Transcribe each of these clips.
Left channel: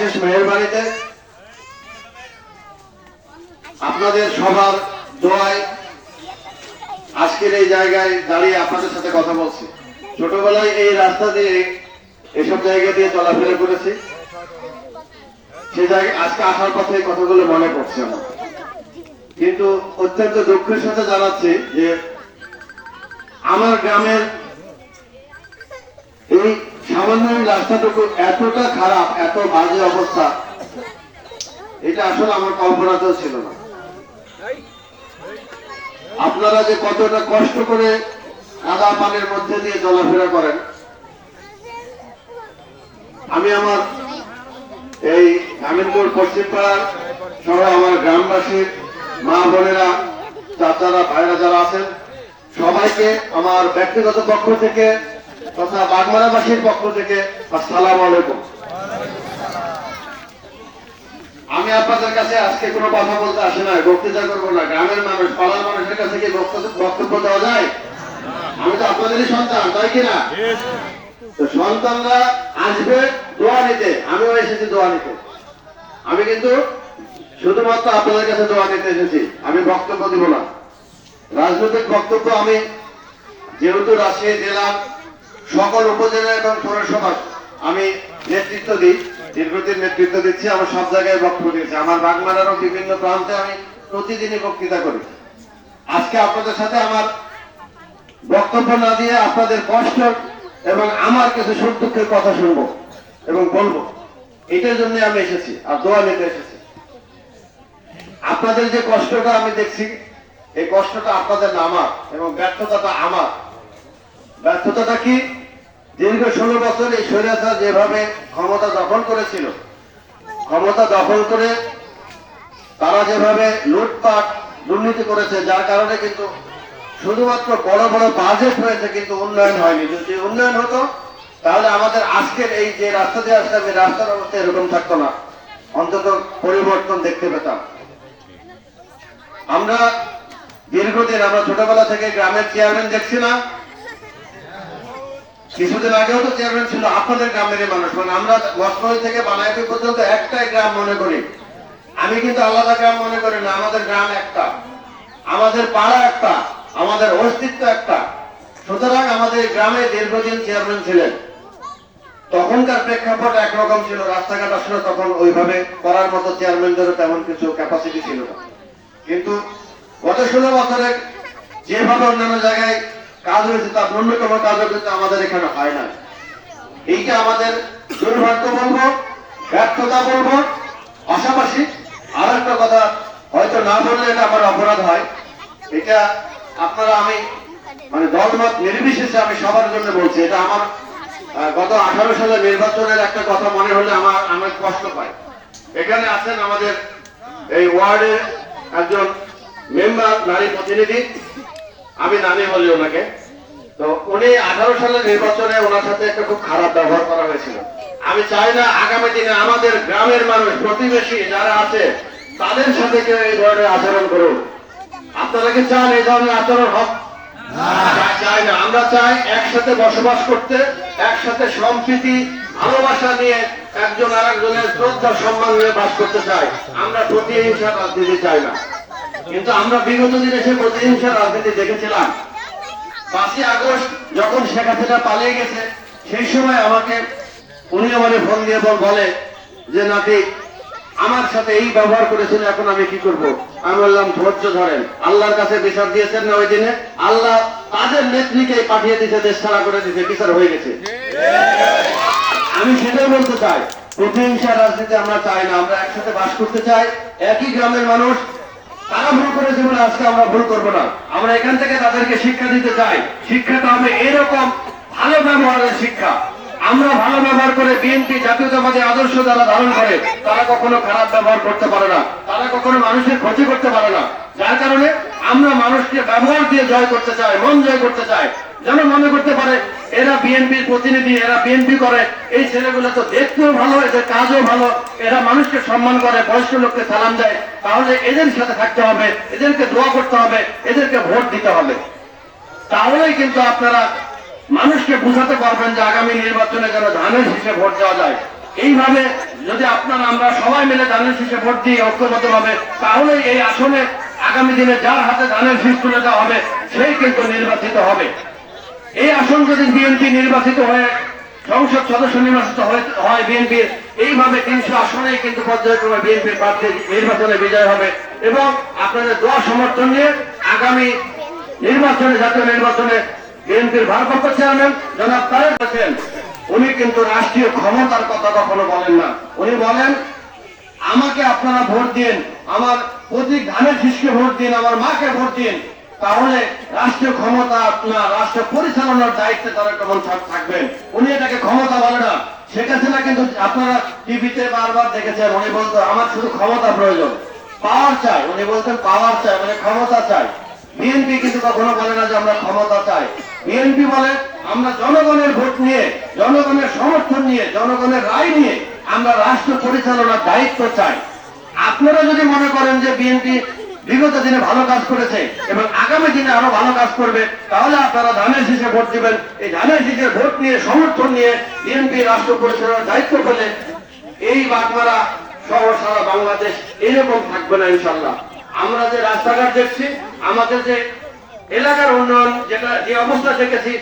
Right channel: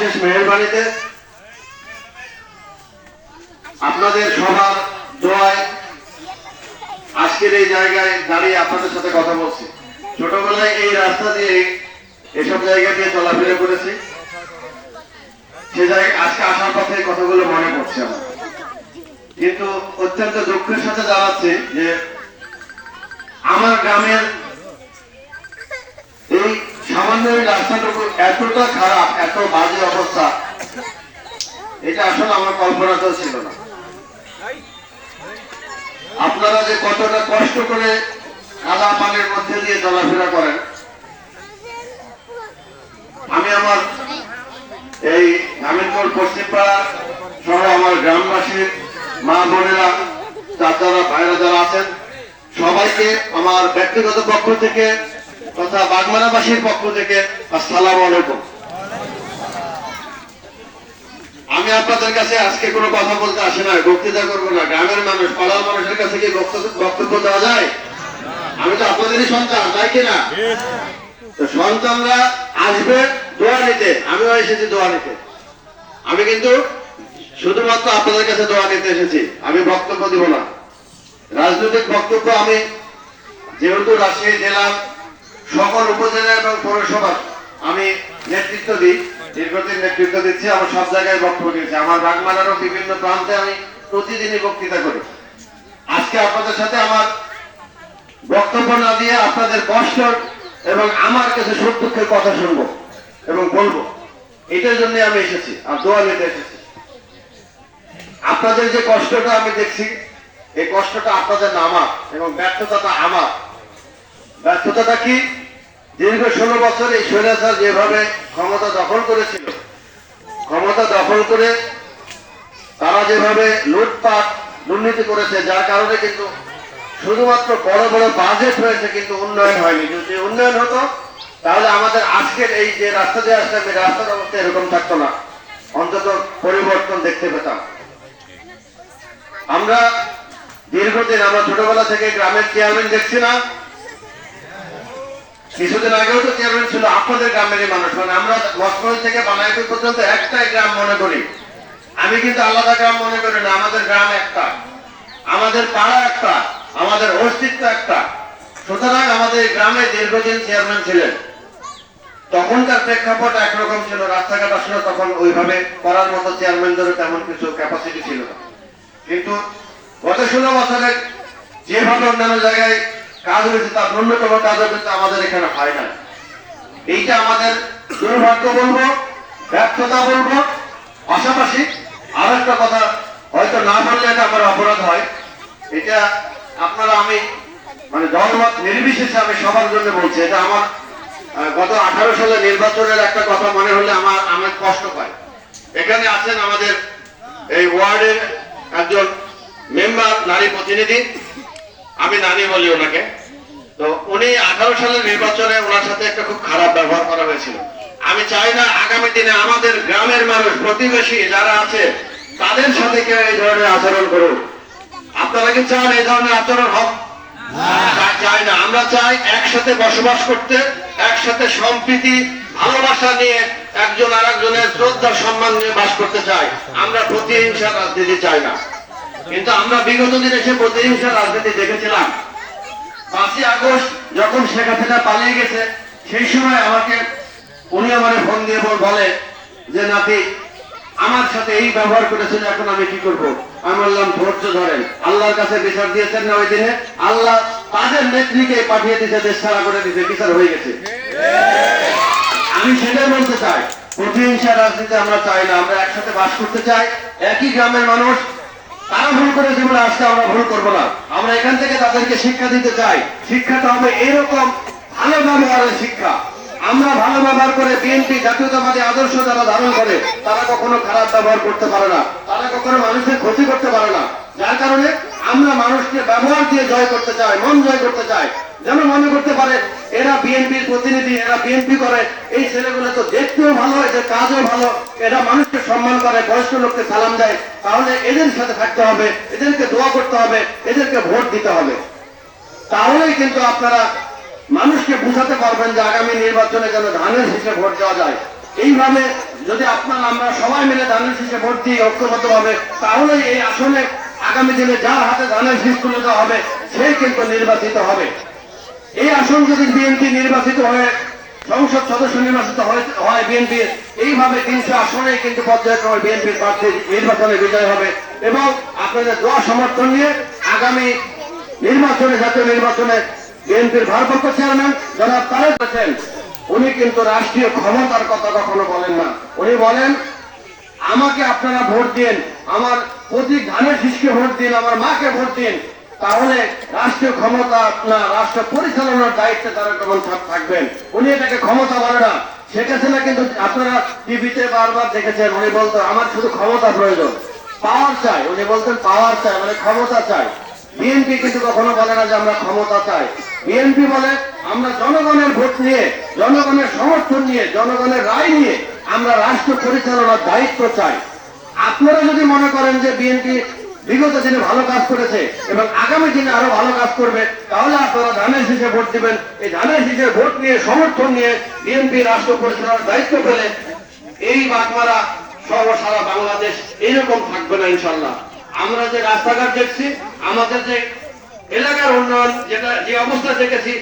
অশেষ মেহেরবানিতে আপনাদের সবার দোয়ায় আজকের এই জায়গায় দাঁড়িয়ে আপনাদের সাথে কথা বলছি। ছোটবেলায় এই রাস্তা দিয়ে এসব জায়গা দিয়ে চলাফেরা করেছি, সে জায়গায় আজকে আসার পথে কথাগুলো মনে পড়ছে আমার। কিন্তু অত্যন্ত দুঃখের সাথে জানাচ্ছি যে আমার গ্রামের এই সামান্য রাস্তাটুকু এতটা খারাপ, এত বাজে অবস্থা, এটা আসলে আমার কল্পনাতেও ছিল না। আপনারা যে কতটা কষ্ট করে কাদা পানির মধ্যে দিয়ে চলাফেরা করেন, আমি আমার এই আমিনপুর পশ্চিমপাড়া সহ আমার গ্রামবাসীর মা বোনেরা, চাচারা, ভাইরা যারা আছেন, সবাইকে আমার ব্যক্তিগত পক্ষ থেকে তথা বাগমারাবাসীর পক্ষ থেকে আসসালামু আলাইকুম। আমি আপনাদের কাছে আজকে কোনো কথা বলতে আসি না, বক্তৃতা করবো না। গ্রামের মানুষ, পাড়ার মানুষের কাছে কি বক্তব্য দেওয়া যায়? আমি তো আপনাদেরই সন্তান, তাই কিনা? তো সন্তানরা আসবে দোয়া নিতে, আমিও এসেছি দোয়া নিতে। আমি কিন্তু শুধুমাত্র আপনাদের কাছে দোয়া নিতে এসেছি, আমি বক্তব্য দিব না। রাজনৈতিক বক্তব্য আমি যেহেতু রাজশাহী জেলার সকল উপজেলা এবং পৌরসভার আমি নেতৃত্ব দিই, দীর্ঘদিন নেতৃত্ব দিচ্ছি, আমার সব জায়গায় বক্তব্য দিয়েছি। আমার বাগমারারও বিভিন্ন প্রান্তে আমি প্রতিদিনই বক্তৃতা করি। আজকে আপনাদের সাথে আমার বক্তব্য না দিয়ে আপনাদের কষ্ট এবং আমার কাছে সুখ দুঃখের কথা শুনবো এবং বলবো, এটার জন্য আমি এসেছি আর দোয়া নিতে এসেছি। আপনাদের যে কষ্টটা আমি দেখছি, এই কষ্টটা আপনাদের না আমার, এবং ব্যর্থতাটা আমার। ব্যর্থতাটা কি? দীর্ঘ 16 বছর এই স্বৈরাচার যেভাবে ক্ষমতা দখল করেছিল, ক্ষমতা দখল করে তারা যেভাবে লুটপাট দুর্নীতি করেছে, যার কারণে কিন্তু শুধুমাত্র বড় বড় বাজেট হয়েছে, কিন্তু উন্নয়ন হয়নি। যদি উন্নয়ন হতো তাহলে আমাদের আজকের এই যে রাস্তা দিয়ে আসলাম, এই রাস্তার অবস্থা এরকম থাকতো না, অন্তত পরিবর্তন দেখতে পেতাম। আমরা দীর্ঘদিন, আমরা ছোটবেলা থেকে গ্রামের চেয়ারম্যান দেখছি না, কিছুদিন আগেও তো চেয়ারম্যান ছিল আপনাদের গ্রামেরই মানুষ। মানে আমরা লক্ষ্মণ থেকে বানাইপুর পর্যন্ত একটাই গ্রাম মনে করি। আমি কিন্তু আলাদা গ্রাম মনে করি না, আমাদের গ্রাম একটা, আমাদের পাড়া একটা, আমাদের অস্তিত্ব একটা। সুতরাং আমাদের গ্রামে দীর্ঘদিন চেয়ারম্যান ছিলেন। তখনকার প্রেক্ষাপট একরকম ছিল, রাস্তাঘাট আসলে তখন ওইভাবে করার মতো চেয়ারম্যানদেরও তেমন কিছু ক্যাপাসিটি ছিল না। কিন্তু গত 16 বছরে যেভাবে অন্যান্য জায়গায় কাজ হয়েছে, তার ন্যূনতম কাজও কিন্তু আমাদের এখানে হয় না। এইটা আমাদের দুর্ভাগ্য বলবো, ব্যর্থতা বলবো। পাশাপাশি আরো একটা কথা হয়তো না বললে এটা আমার অপরাধ হয়, এটা আপনারা, আমি মানে দলমত নির্বিশেষে আমি সবার জন্য বলছি। এটা আমার গত 18 সালে নির্বাচনের একটা কথা মনে হলে আমার কষ্ট পায়। এখানে আছেন আমাদের এই ওয়ার্ডের একজন মেম্বার, নারী প্রতিনিধি, আমি নানি বলি ওনাকে। তো উনি 18 সালের নির্বাচনে ওনার সাথে একটা খুব খারাপ ব্যবহার করা হয়েছিল। আমি চাই না আগামী দিনে আমাদের গ্রামের মানুষ, প্রতিবেশী যারা আছে, তাদের সাথে কেউ এই ধরনের আচরণ করুন। আপনারা কি চান এই ধরনের আচরণ হোক? চাই না। আমরা চাই একসাথে বসবাস করতে, একসাথে সম্প্রীতি ভালোবাসা নিয়ে একজন আর একজনের শ্রদ্ধা সম্মান নিয়ে বাস করতে চাই। আমরা প্রতিহিংসা রাজনীতি চাই না। কিন্তু আমরা বিগত দিনে সে প্রতিহিংসা রাজনীতি দেখেছিলাম। 5ই আগস্ট যখন শেখ হাসিনা পালিয়ে গেছে, সেই সময় আমাকে উনি আমার ফোন দিয়ে বলে যে নাকি আমার সাথে এই ব্যবহার করেছেন, এখন আমি কি করব? আমি বললাম ধৈর্য ধরেন, আল্লাহর কাছে বিচার দিয়েছেন না ওই দিনে, আল্লাহ তাদের নেত্রীকে পাঠিয়ে দিতে, দেশ ছাড়া করে দিতে, বিচার হয়ে গেছে। আমি সেটাই বলতে চাই, প্রতিহিংসা রাজনীতি আমরা চাই না। আমরা একসাথে বাস করতে চাই, একই গ্রামের মানুষ। তারা ভুল করে জীবনে, আজকে আমরা ভুল করবো না। আমরা এখান থেকে তাদেরকে শিক্ষা দিতে চাই। শিক্ষাটা হবে এরকম ভালো ব্যবহারের শিক্ষা। আমরা ভালো ব্যবহার করে, বিএনপি জাতীয়তাবাদী আদর্শ যারা ধারণ করে, তারা কখনো খারাপ ব্যবহার করতে পারে না, তারা কখনো মানুষের ক্ষতি করতে পারে না। যার কারণে আমরা মানুষকে ব্যবহার দিয়ে জয় করতে চাই, মন জয় করতে চাই। যেন মনে করতে পারে এরা বিএনপির প্রতিনিধি, এরা বিএনপি করে, এই ছেলেগুলো তো দেখতেও ভালো, এদের কাজও ভালো, এরা মানুষকে সম্মান করে, বয়স্ক লোককে সালাম দেয়, তাহলে এদের সাথে থাকতে হবে, এদেরকে দোয়া করতে হবে, এদেরকে ভোট দিতে হবে। তাহলেই কিন্তু আপনারা মানুষকে বুঝাতে পারবেন যে আগামী নির্বাচনে যেন ধানের শীষে ভোট দেওয়া যায়। এইভাবে যদি আপনারা আমরা সবাই মিলে ধানের শীষে ভোট দিই ঐক্যবদ্ধ হবে, তাহলে এই আসনে আগামী দিনে যার হাতে ধানের শীষ তুলে দেওয়া হবে সেই কিন্তু নির্বাচিত হবে। এই আসন যদি বিএনপি নির্বাচিত হয়ে সংসদ সদস্য নির্বাচিত হয় বিএনপি, এইভাবে 300 আসনে কিন্তু পর্যায়ক্রমে বিএনপির প্রার্থী নির্বাচনে বিজয় হবে। এবং আপনাদের দোয়া সমর্থন নিয়ে আগামী নির্বাচনে, জাতীয় নির্বাচনে বিএনপির ভারপ্রাপ্ত চেয়ারম্যান জনাব তারেক হোসেন, উনি কিন্তু রাষ্ট্রীয় ক্ষমতার কথা কখনো বলেন না। উনি বলেন আমাকে আপনারা ভোট দিন, আমার প্রতীক ধানের শীষকে ভোট দিন, আমার মাকে ভোট দিন, তাহলে রাষ্ট্রীয় ক্ষমতা আপনার রাষ্ট্র পরিচালনার দায়িত্বে তারা কেমন থাকবেন। উনি এটাকে ক্ষমতা বলে না। শেখ হাসিনা কিন্তু আপনারা টিভিতে বারবার দেখেছেন, উনি বলতো আমার শুধু ক্ষমতা প্রয়োজন, পাওয়ার চাই। উনি বলতেন পাওয়ার চাই মানে ক্ষমতা চাই। বিএনপি কিন্তু কখনো বলে না যে আমরা ক্ষমতা চাই। বিএনপি বলে আমরা জনগণের ভোট নিয়ে, জনগণের সমর্থন নিয়ে, জনগণের রায় নিয়ে আমরা রাষ্ট্র পরিচালনার দায়িত্ব চাই। আপনারা যদি মনে করেন যে বিএনপি বিগত দিনে ভালো কাজ করেছে এবং আগামী দিনে আরো ভালো কাজ করবে, তাহলে আপনারা ধানের শীষে ভোট দিবেন। এই ধানের শীষের ভোট নিয়ে, সমর্থন নিয়ে বিএনপি রাষ্ট্র পরিচালনার দায়িত্ব পেলে এই বাগমারা সহ সারা বাংলাদেশ এরকম থাকবে না ইনশাল্লাহ। আমরা যে রাস্তাঘাট দেখছি, আমাদের যে এলাকার উন্নয়ন, যেটা যে অবস্থা দেখেছি,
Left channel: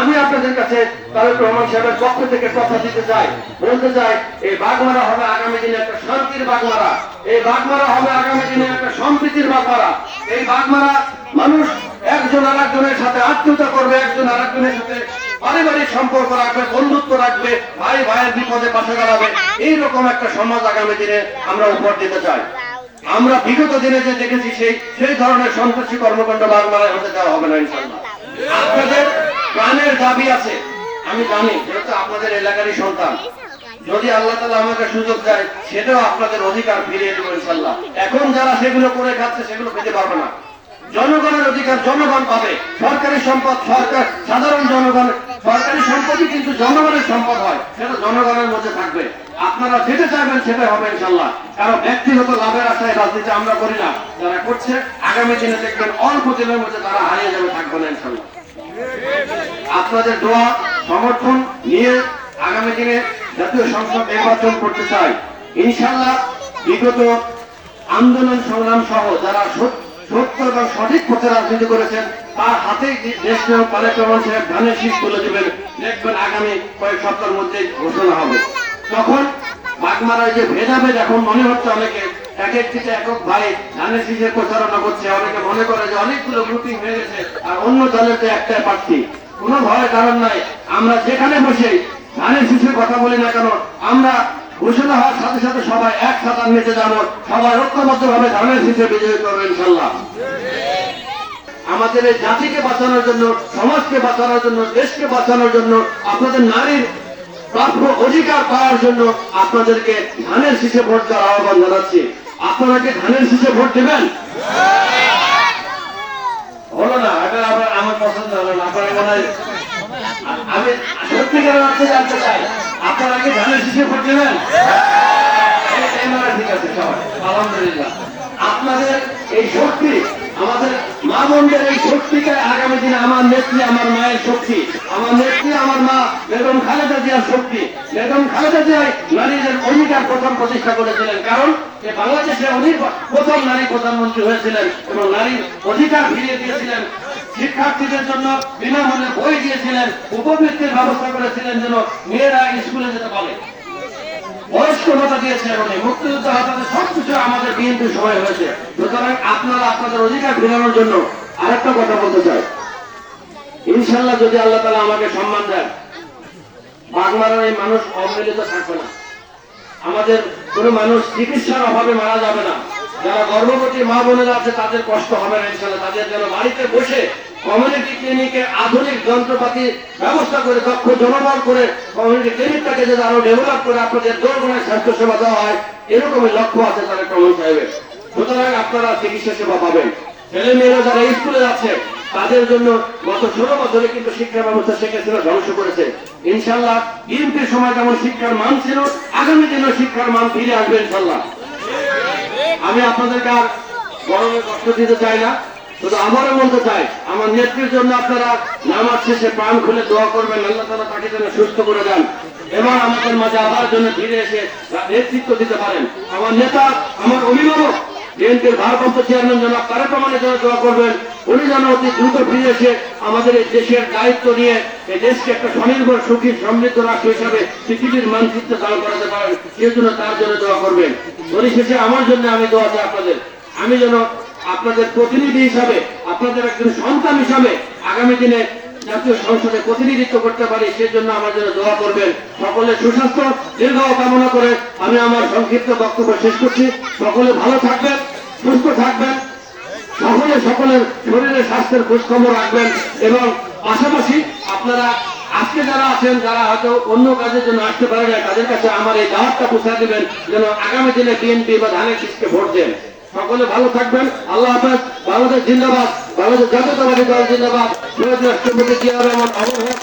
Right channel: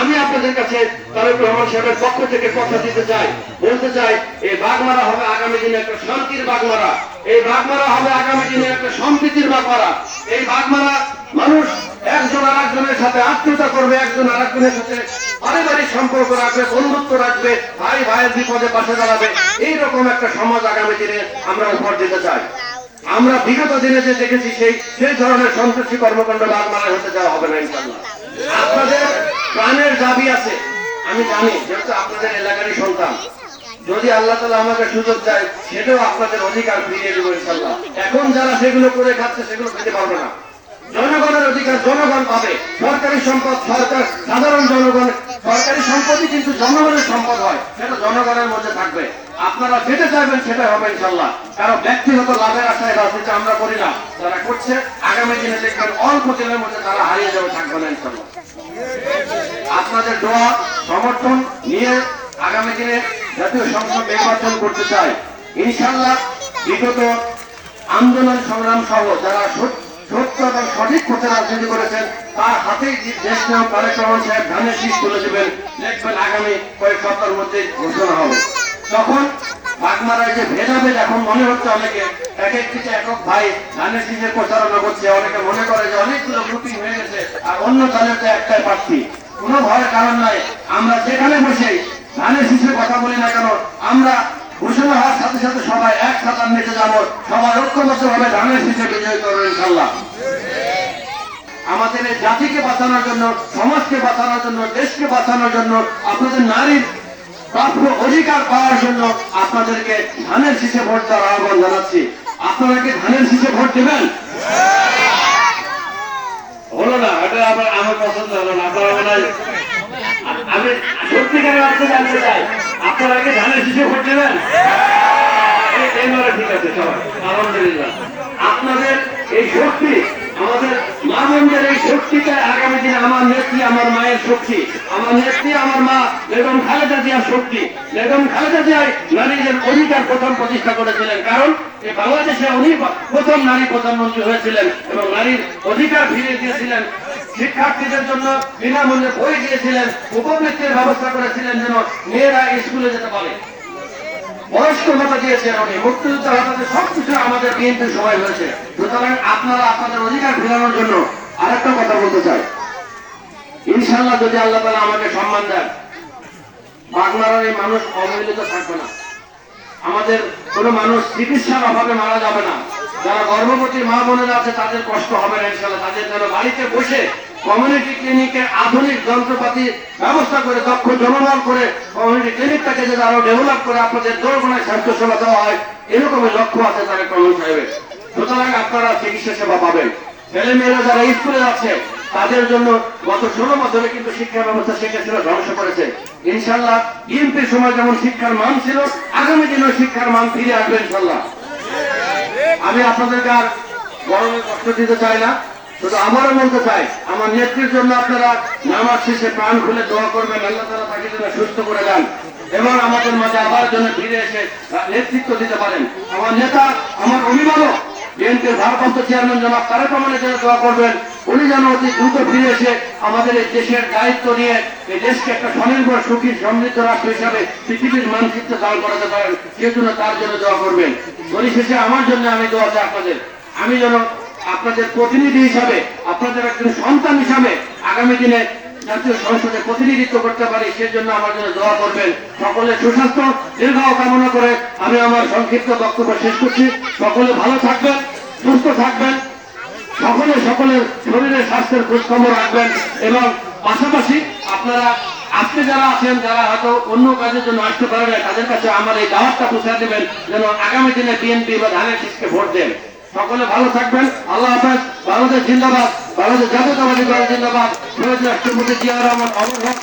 আমি আপনাদের কাছে তারেক রহমান সাহেবের পক্ষ থেকে কথা দিতে চাই, বলতে চাই এই বাগমারা হবে আগামী দিনে একটা শান্তির বাগমারা, এই বাগমারা হবে আগামী দিনে একটা সম্প্রীতির বাগমারা। এই বাগমারা মানুষ একজন আরেকজনের সাথে আত্মীয়তা করবে, একজন আরেকজনের সাথে পারিবারিক সম্পর্ক রাখবে, বন্ধুত্ব রাখবে, ভাই ভাইয়ের বিপদে পাশে দাঁড়াবে। এইরকম একটা সমাজ আগামী দিনে আমরা উপহার দিতে চাই। আমরা বিগত দিনে যে দেখেছি সেই ধরনের সন্ত্রাসী কর্মকাণ্ড বাগমারায় হতে দেওয়া হবে না ইনশাল্লাহ। আপনাদের প্রাণের দাবি আছে, আমি জানি, যেহেতু আপনাদের এলাকারই সন্তান। যদি আল্লাহ তাআলা আমাকে সুযোগ দেয়, সেটাও আপনাদের অধিকার ফিরিয়ে দেবো ইনশাল্লাহ। এখন যারা সেগুলো করে খাচ্ছে সেগুলো পেতে পারবে না। জনগণের অধিকার জনগণ পাবে। সরকারি সম্পদ সরকার, সাধারণ জনগণ, সরকারি সম্পদই কিন্তু জনগণের সম্পদ হয়, সেটা জনগণের মধ্যে থাকবে। আপনারা যেতে চাইবেন সেটা হবে ইনশাল্লাহ। কারণ ব্যক্তিগত লাভের আশায় রাজনীতি আমরা করি না, যারা করছে আগামী দিনে দেখবেন অল্প দিনের মধ্যে তারা হারিয়ে যাবে, থাকবে না ইনশাল্লাহ। আপনাদের দোয়া সমর্থন নিয়ে আগামী দিনে জাতীয় সংসদ নির্বাচন করতে চাই ইনশাল্লাহ। বিগত আন্দোলন সংগ্রাম সহ যারা সত্য এবং সঠিক পথে রাজনীতি করেছেন, তার হাতেই দেশ নায়ক তারেক রহমান সাহেব ধানের শীষ তুলে দেবেন। দেখবেন আগামী কয়েক সপ্তাহের মধ্যে ঘোষণা হবে। তখন বাগমারায় যে ভেদাভেদ, এখন মনে হচ্ছে অনেকে এক একটিতে একক ভাই ধানের শীষের প্রচারণা করছে, অনেকে মনে করে যে অনেকগুলো বুকিং হয়ে গেছে আর অন্য দলের তো একটাই প্রার্থী। কোনো ভয়ের কারণ নাই। আমরা যেখানে বসে ধানের শীষের কথা বলি না কেন, আমরা ঘোষণা হওয়ার সাথে সাথে সবাই এক সাঁতার নিতে যাবো, সবাই ঐক্যবদ্ধ ভাবে ধানের শীষে বিজয় করবো ইনশাল্লাহ। আমাদের এই জাতিকে বাঁচানোর জন্য, সমাজকে বাঁচানোর জন্য, দেশকে বাঁচানোর জন্য, আপনাদের নারীর প্রাপ্য অধিকার পাওয়ার জন্য আপনাদেরকে ধানের শীষে ভোট দেওয়ার আহ্বান জানাচ্ছি। আপনারা কি ধানের শীষে ভোট দেবেন? হলো না, এটা আমার পছন্দ হলো না। আপনারা মনে হয়, আমি সত্যিকারের অর্থে জানতে চাই, আপনারা কি ধানের শীষে ভোট দেবেন? ঠিক আছে, সবাই আলহামদুলিল্লাহ। আপনাদের এই শক্তি, আমাদের মা বোনদের এই শক্তিটা আগামী দিনে আমার নেত্রী, আমার মায়ের শক্তি, আমার নেত্রী, আমার মা বেগম খালেদা জিয়ার শক্তি। বেগম খালেদা জিয়া নারীদের অধিকার প্রথম প্রতিষ্ঠা করেছিলেন, কারণ বাংলাদেশে উনি প্রথম নারী প্রধানমন্ত্রী হয়েছিলেন এবং নারীর অধিকার ফিরিয়ে দিয়েছিলেন। শিক্ষার্থীদের জন্য বিনামূল্যে বই দিয়েছিলেন, উপবৃত্তির ব্যবস্থা করেছিলেন যেন মেয়েরা স্কুলে যেতে পারে, বয়স্ক ভাতা দিয়েছেন উনি, মুক্তিযুদ্ধ ভাতাতে সবকিছু আমাদের বিএনপির সময় হয়েছে। সুতরাং আপনারা আপনাদের অধিকার ফেরানোর জন্য আরেকটা কথা বলতে চাই, ইনশাল্লাহ যদি আল্লাহ তাআলা আমাকে সম্মান দেন, বাগমারার এই মানুষ অবহেলিত থাকবে না। আমাদের কোনো মানুষ চিকিৎসার অভাবে মারা যাবে না। যারা গর্ভবতী মা বোনেরা আছে তাদের কষ্ট হবে না ইনশাল্লাহ। তাদের যেন বাড়িতে বসে কমিউনিটি ক্লিনিকে আধুনিক যন্ত্রপাতি ব্যবস্থা করে, দক্ষ জনবল করে কমিউনিটি ক্লিনিকটাকে যদি আরো ডেভেলপ করে আপনাদের দোরগোনায় স্বাস্থ্য সেবা দেওয়া হয়, এরকমই লক্ষ্য আছে তারেক রহমান সাহেবের। সুতরাং আপনারা চিকিৎসা সেবা পাবেন। ছেলে মেয়েরা যারা স্কুলে আছে তাদের জন্য গত 16 বছরে কিন্তু শিক্ষা ব্যবস্থা শেখ হাসিনা ধ্বংস করেছে। ইনশাল্লাহ বিএনপির সময় যেমন শিক্ষার মান ছিল, আগামী দিনে শিক্ষার মান ফিরে আসবে ইনশাল্লাহ। আমি আপনাদেরকে আর গরমে কষ্ট দিতে চাই না। শুধু আমারও বলতে চাই, আমার নেত্রীর জন্য আপনারা নামাজ শেষে প্রাণ খুলে দোয়া করবেন, আল্লাহ তাআলা তাকে যেন সুস্থ করে দেন এবং আমাদের মাঝে আবার জন্য ফিরে এসে নেতৃত্ব দিতে পারেন। আমার নেতা, আমার অভিভাবক বিএনপির ভারপ্রাপ্ত চেয়ারম্যান জনাব তারেক রহমানের জন্য দোয়া করবেন, উনি যেন অতি দ্রুত ফিরে এসে আমাদের এই দেশের দায়িত্ব নিয়ে এই দেশকে একটা স্বনির্ভর সুখী সমৃদ্ধ রাষ্ট্র হিসাবে পৃথিবীর মানচিত্রে দাঁড় করাতে পারেন, সেই জন্য তার জন্য দোয়া করবেন। পরিশেষে আমার জন্য আমি দোয়া চাই আপনাদের, আমি যেন আপনাদের প্রতিনিধি হিসাবে, আপনাদের একজন সন্তান হিসাবে আগামী দিনে জাতীয় সংসদে প্রতিনিধিত্ব করতে পারি, সেজন্য আমার জন্য দোয়া করবেন। সকলের সুস্বাস্থ্য দীর্ঘ কামনা করে আমি আমার সংক্ষিপ্ত বক্তব্য শেষ করছি। সকলে ভালো থাকবেন, সুস্থ থাকবেন, সকলের শরীরের স্বাস্থ্যের খোঁজ খবর রাখবেন এবং পাশাপাশি আপনারা আজকে যারা আছেন, যারা হয়তো অন্য কাজের জন্য আসতে পারে না, তাদের কাছে আমার এই দাওয়াতটা পৌঁছে দেবেন যেন আগামী দিনে বিএনপি বা ধানের শীষকে ভোট দেন। সকলে ভালো থাকবেন। আল্লাহ হাফেজ। বাংলাদেশ জিন্দাবাদ, বাংলাদেশ জাতীয়তাবাদী দল জিন্দাবাদ। শহীদ রাষ্ট্রপতি জিয়া রহমান অমর হোক।